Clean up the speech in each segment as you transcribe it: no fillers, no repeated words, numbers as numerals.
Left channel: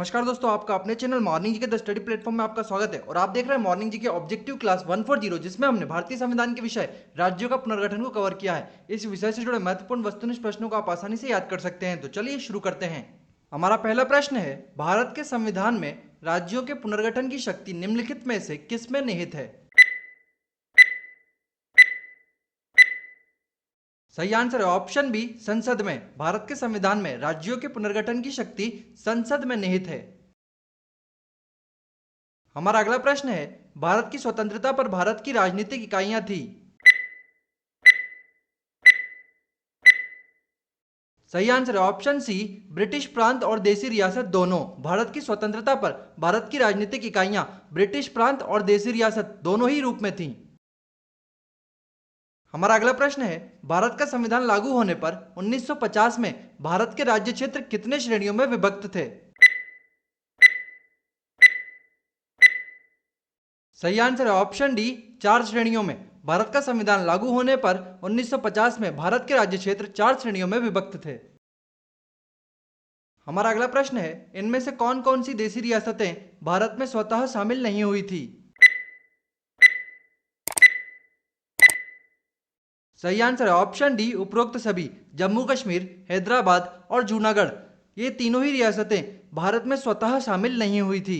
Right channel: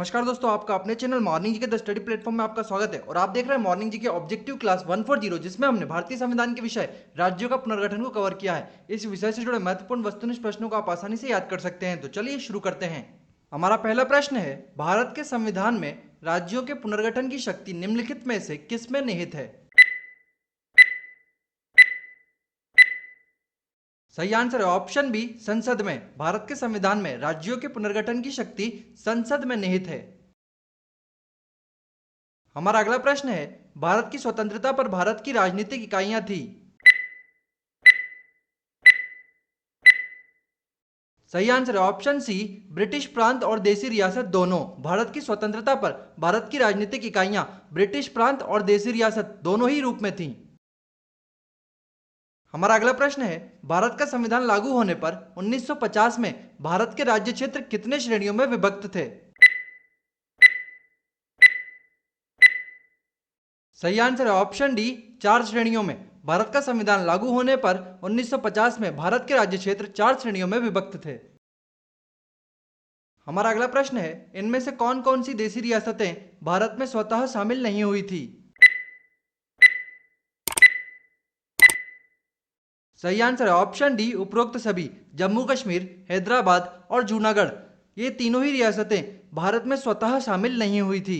नमस्कार दोस्तों, आपका अपने चैनल मॉर्निंग जी के द स्टडी प्लेटफॉर्म में आपका स्वागत है। और आप देख रहे हैं मॉर्निंग जी के ऑब्जेक्टिव क्लास 140, जिसमें हमने भारतीय संविधान के विषय राज्यों का पुनर्गठन को कवर किया है। इस विषय से जुड़े महत्वपूर्ण वस्तुनिष्ठ प्रश्नों को आप आसानी से याद कर सकते हैं। तो चलिए शुरू करते हैं। हमारा पहला प्रश्न है, भारत के संविधान में राज्यों के पुनर्गठन की शक्ति निम्नलिखित में से किसमें निहित है? सही आंसर है ऑप्शन बी, संसद में। भारत के संविधान में राज्यों के पुनर्गठन की शक्ति संसद में निहित है। हमारा अगला प्रश्न है, भारत की स्वतंत्रता पर भारत की राजनीतिक इकाइयां थी। सही आंसर है ऑप्शन सी, ब्रिटिश प्रांत और देसी रियासत दोनों। भारत की स्वतंत्रता पर भारत की राजनीतिक इकाइयां ब्रिटिश प्रांत और देसी रियासत दोनों ही रूप में थीं। हमारा अगला प्रश्न है, भारत का संविधान लागू होने पर 1950 में भारत के राज्य क्षेत्र कितने श्रेणियों में विभक्त थे? सही आंसर है ऑप्शन डी, 4 श्रेणियों में। भारत का संविधान लागू होने पर 1950 में भारत के राज्य क्षेत्र 4 श्रेणियों में विभक्त थे। हमारा अगला प्रश्न है, इनमें से कौन कौन सी देसी रियासतें भारत में स्वतः शामिल नहीं हुई थी? सही आंसर है ऑप्शन डी, उपरोक्त सभी। जम्मू कश्मीर, हैदराबाद और जूनागढ़, ये तीनों ही रियासतें भारत में स्वतः शामिल नहीं हुई थी।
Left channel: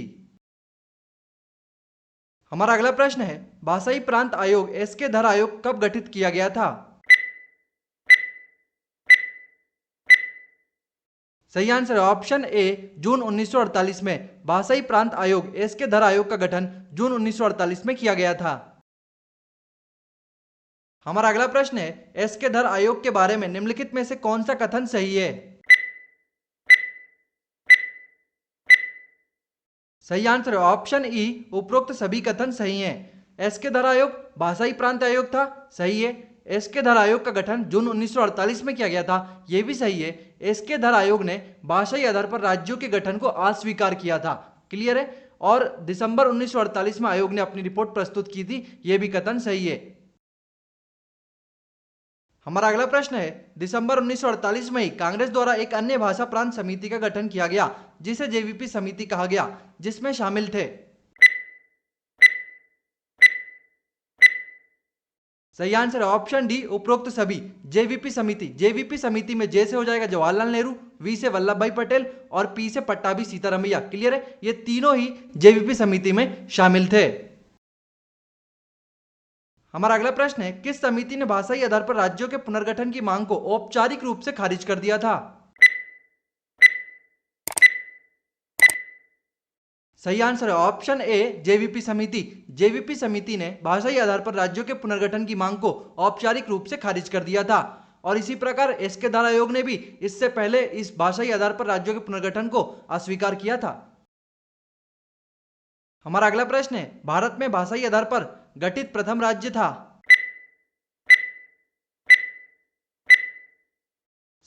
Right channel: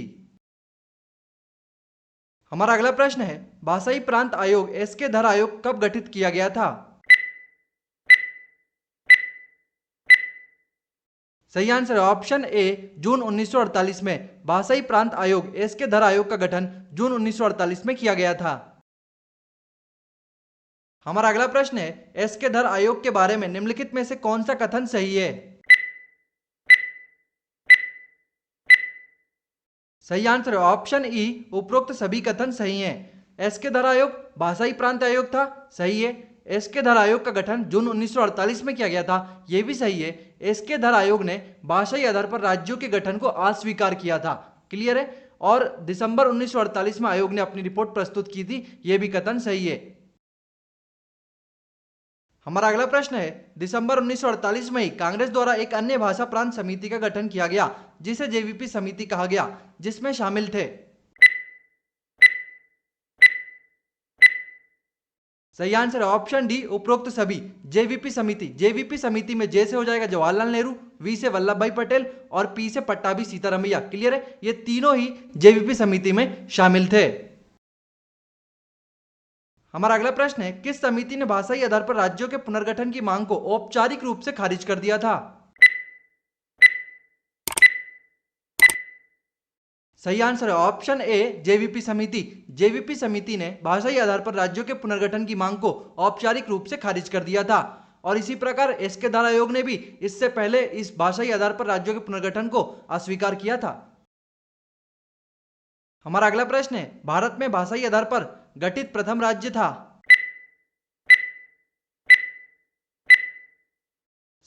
हमारा अगला प्रश्न है, भाषाई प्रांत आयोग एसके धर आयोग कब गठित किया गया था? सही आंसर है ऑप्शन ए, जून 1948 में। भाषाई प्रांत आयोग एसके धर आयोग का गठन जून 1948 में किया गया था। हमारा अगला प्रश्न है, एसके धर आयोग के बारे में निम्नलिखित में से कौन सा कथन सही है? सही आंसर है ऑप्शन ई, उपरोक्त सभी कथन सही हैं। एसके धर आयोग भाषाई प्रांत आयोग था, सही है। एसके धर आयोग का गठन जून 1948 में किया गया था, यह भी सही है। एसके धर आयोग ने भाषाई आधार पर राज्यों के गठन को अस्वीकार किया था, क्लियर है। और दिसंबर 1948 में आयोग ने अपनी रिपोर्ट प्रस्तुत की थी, यह भी कथन सही है। हमारा अगला प्रश्न है, दिसंबर 1948 में ही कांग्रेस द्वारा एक अन्य भाषा प्रांत समिति का गठन किया गया, जिसे जेवीपी समिति कहा गया, जिसमें शामिल थे। सही आंसर है ऑप्शन डी, उपरोक्त सभी। जेवीपी समिति, जेवीपी समिति में जे से हो जाएगा जवाहरलाल नेहरू, वी से वल्लभ भाई पटेल और पी से पट्टाभी सीतारमैया, क्लियर है। ये तीनों ही जेवीपी समिति में शामिल थे। हमारा अगला प्रश्न है, किस समिति ने भाषाई आधार पर राज्यों के पुनर्गठन की मांग को औपचारिक रूप से खारिज कर दिया था? सही आंसर है ऑप्शन ए, जेवीपी समिति। जेवीपी समिति ने भाषाई आधार पर राज्यों के पुनर्गठन की मांग को औपचारिक रूप से खारिज कर दिया था। और इसी प्रकार एसके धर आयोग ने भी इससे पहले इस भाषाई आधार पर राज्यों के पुनर्गठन को अस्वीकार किया था। हमारा अगला प्रश्न है, भारत में भाषाई आधार पर गठित प्रथम राज्य था?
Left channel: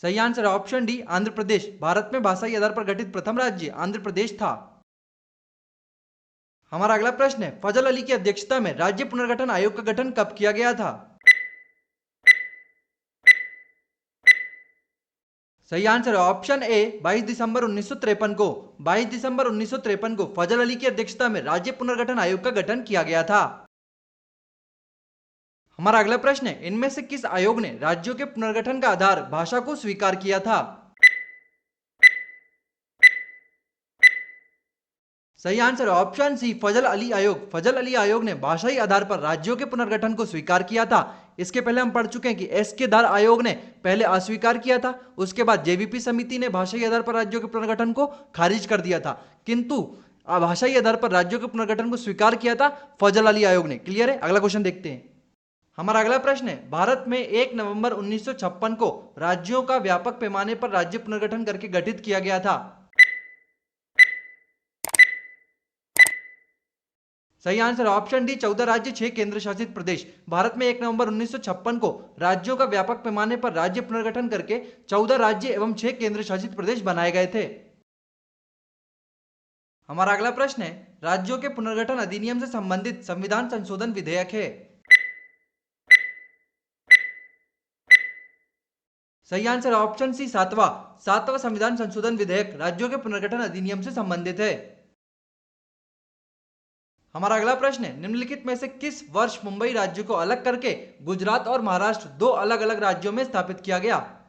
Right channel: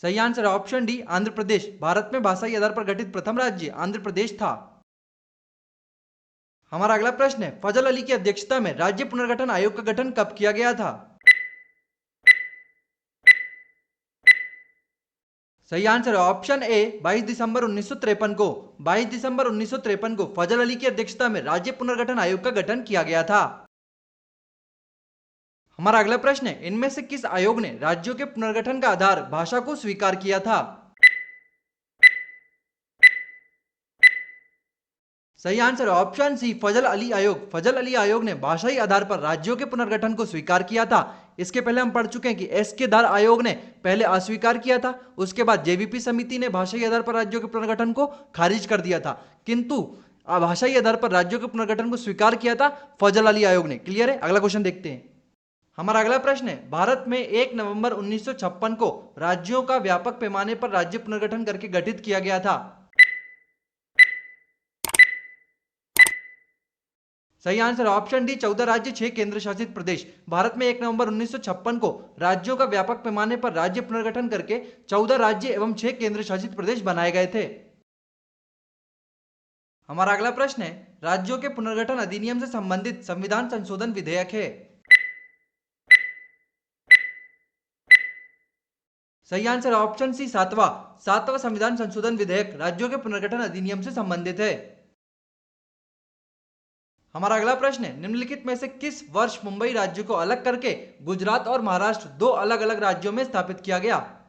सही आंसर है ऑप्शन डी, आंध्र प्रदेश। भारत में भाषाई आधार पर गठित प्रथम राज्य आंध्र प्रदेश था। हमारा अगला प्रश्न है, फजल अली की अध्यक्षता में राज्य पुनर्गठन आयोग का गठन कब किया गया था? सही आंसर है ऑप्शन ए, 22 दिसंबर 1953 को। 22 दिसंबर 1953 को फजल अली की अध्यक्षता में राज्य पुनर्गठन आयोग का गठन किया गया था। हमारा अगला प्रश्न है, इनमें से किस आयोग ने राज्यों के पुनर्गठन का आधार भाषा को स्वीकार किया था? सही आंसर है ऑप्शन सी, फजल अली आयोग। फजल अली आयोग ने भाषाई आधार पर राज्यों के पुनर्गठन को स्वीकार किया था। इसके पहले हम पढ़ चुके हैं कि एसके धर आयोग ने पहले अस्वीकार किया था, उसके बाद जेवीपी समिति ने भाषाई आधार पर राज्यों के पुनर्गठन को खारिज कर दिया था, किंतु भाषाई आधार पर राज्यों के पुनर्गठन को स्वीकार किया था फजल अली आयोग ने, क्लियर है। अगला क्वेश्चन देखते हैं। हमारा अगला प्रश्न है, भारत में 1 नवंबर 1956 को राज्यों का व्यापक पैमाने पर राज्य पुनर्गठन करके गठित किया गया था। सही आंसर ऑप्शन डी, 14 राज्य 6 केंद्र शासित प्रदेश। भारत में 1 नवंबर 1956 को राज्यों का व्यापक पैमाने पर राज्य पुनर्गठन करके 14 राज्य एवं 6 केंद्र शासित प्रदेश बनाए गए थे। हमारा अगला प्रश्न है, राज्यों के पुनर्गठन अधिनियम से संबंधित संविधान संशोधन विधेयक है। सही आंसर ऑप्शन सी सातवां संविधान संशोधन विधेयक राज्यों के पुनर्गठन अधिनियम से संबंधित है। हमारा अगला प्रश्न है, निम्नलिखित में से किस वर्ष मुंबई राज्य को अलग करके गुजरात और महाराष्ट्र दो अलग अलग राज्यों में स्थापित किया गया?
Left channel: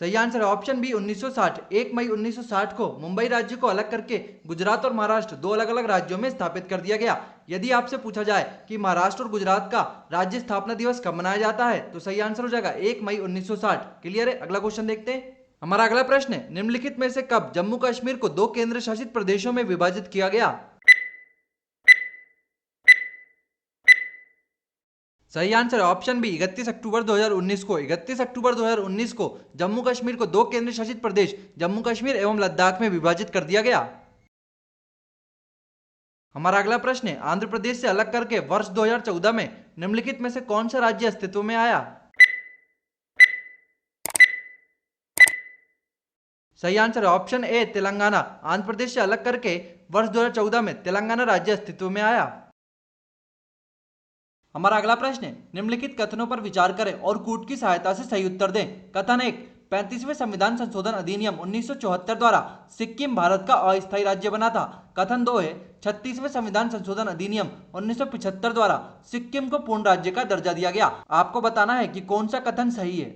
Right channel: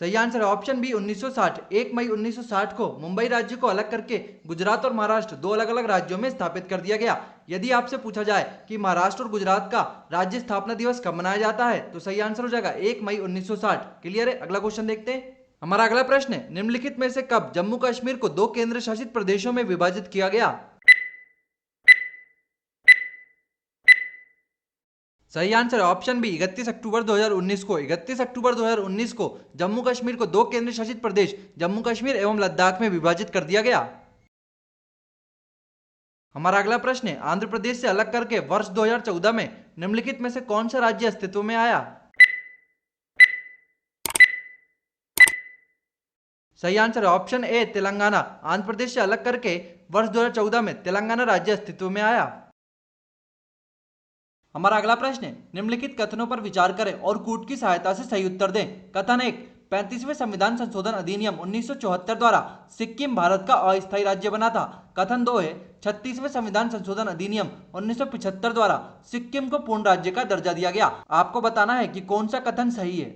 सही आंसर है ऑप्शन बी 1960। 1 मई 1960 को मुंबई राज्य को अलग करके गुजरात और महाराष्ट्र दो अलग अलग राज्यों में स्थापित कर दिया गया। यदि आपसे पूछा जाए कि महाराष्ट्र और गुजरात का राज्य स्थापना दिवस कब मनाया जाता है तो सही आंसर हो जाएगा 1 मई 1960। क्लियर है? अगला क्वेश्चन देखते हैं। हमारा अगला प्रश्न है, निम्नलिखित में से कब जम्मू कश्मीर को दो केंद्र शासित प्रदेशों में विभाजित किया गया? सही आंसर है ऑप्शन बी 31 अक्टूबर 2019 को। 31 अक्टूबर 2019 को जम्मू कश्मीर को दो केंद्र शासित प्रदेश जम्मू कश्मीर एवं लद्दाख में विभाजित कर दिया गया। हमारा अगला प्रश्न है, आंध्र प्रदेश से अलग करके वर्ष 2014 में निम्नलिखित में से कौन सा राज्य अस्तित्व में आया? सही आंसर है ऑप्शन ए तेलंगाना। आंध्र प्रदेश से अलग करके वर्ष 2014 में तेलंगाना राज्य अस्तित्व में आया। हमारा अगला प्रश्न है, निम्नलिखित कथनों पर विचार करें और कूट की सहायता से सही उत्तर दें। कथन 1, 35वें संविधान संशोधन अधिनियम 1974 द्वारा सिक्किम भारत का अस्थायी राज्य बना था। कथन 2 है, 36वें संविधान संशोधन अधिनियम 1975 द्वारा सिक्किम को पूर्ण राज्य का दर्जा दिया गया। आपको बताना है कि कौन सा कथन सही है।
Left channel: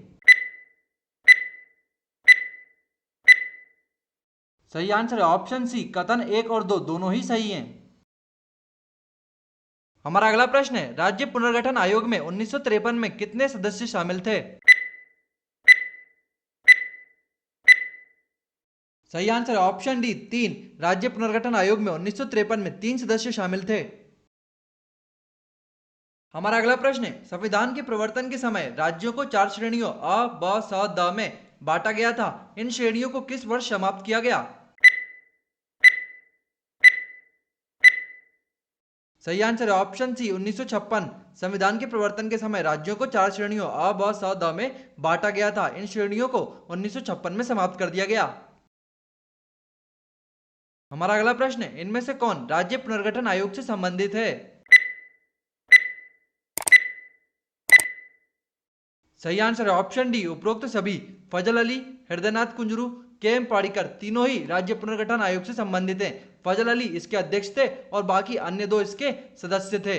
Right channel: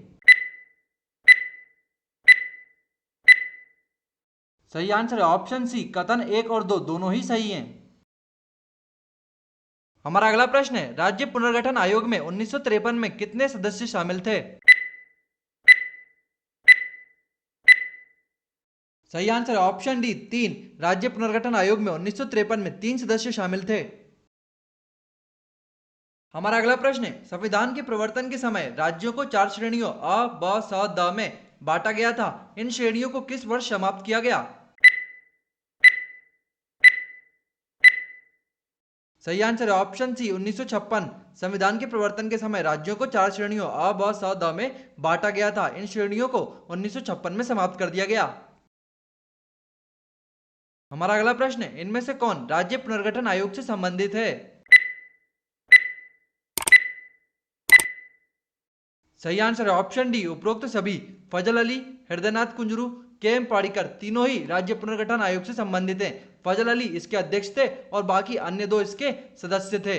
सही आंसर है ऑप्शन सी, कथन 1 और 2 दोनों ही सही हैं। हमारा अगला प्रश्न है, राज्य पुनर्गठन आयोग में 1953 में कितने सदस्य शामिल थे? सही आंसर है ऑप्शन डी 3। राज्य पुनर्गठन आयोग में 1953 में 3 सदस्य शामिल थे। हमारा अगला प्रश्न है, संविधान के प्रवर्तन के समय राज्यों को 4 श्रेणियों अ, ब, स, द में बांटा गया था। इन श्रेणियों को किस वर्ष समाप्त किया गया? सही आंसर है ऑप्शन सी 1956। संविधान के प्रवर्तन के समय राज्यों को 4 श्रेणियों अ, ब, स, द में बांटा गया था। इन श्रेणियों को 1956 में समाप्त कर दिया गया। हमारा अगला प्रश्न है, इनमें से कौन राज्य पुनर्गठन आयोग से संबंधित है? सही आंसर है ऑप्शन डी उपरोक्त सभी। फजल अली, हृदयनाथ कुंजरू, के एम पाड़ीकर तीनों ही राज्य पुनर्गठन आयोग से संबंधित हैं। फजल अली इसके अध्यक्ष थे और बाकी अन्य 2 इसके सदस्य थे।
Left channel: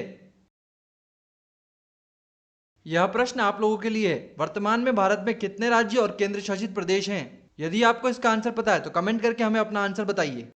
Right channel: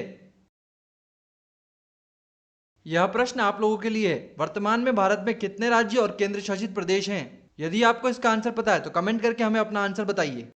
यह प्रश्न आप लोगों के लिए है, वर्तमान में भारत में कितने राज्य और केंद्र शासित प्रदेश हैं? यदि आपको इसका आंसर पता है तो कमेंट करके हमें अपना आंसर बताइए।